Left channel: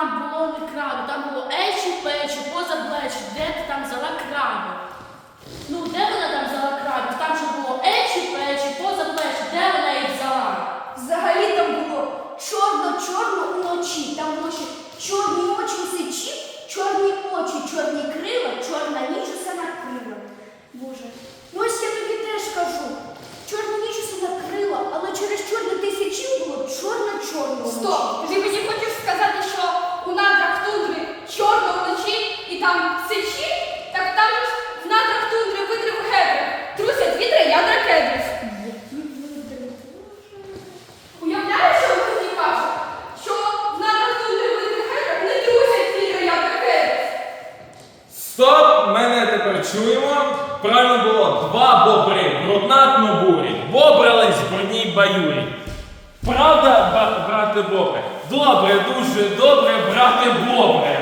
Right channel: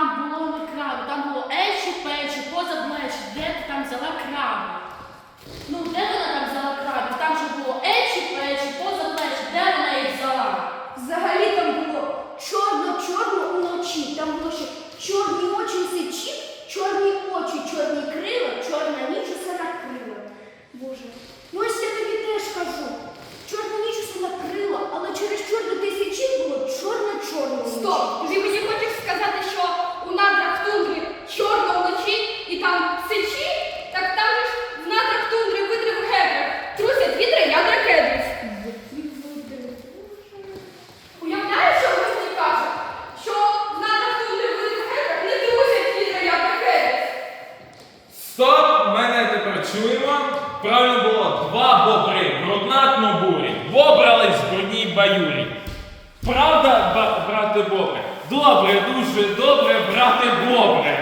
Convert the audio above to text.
там було не крано, там було ей там сечі? Так там ж в надрах тундри видрив гедрих. Трусять вітри ядра кедрів. Уявляєш, що ви мені кажуть? Що в надрах тундри гедрих не трусять вітри ядра кедрів. Стоп! Мене тепер чуємо. Правильно було два бобри в роднатну бурі. Бобрались в брудній баюрі. Правда, брате бобре? Добре, дуже добре, брате бобре.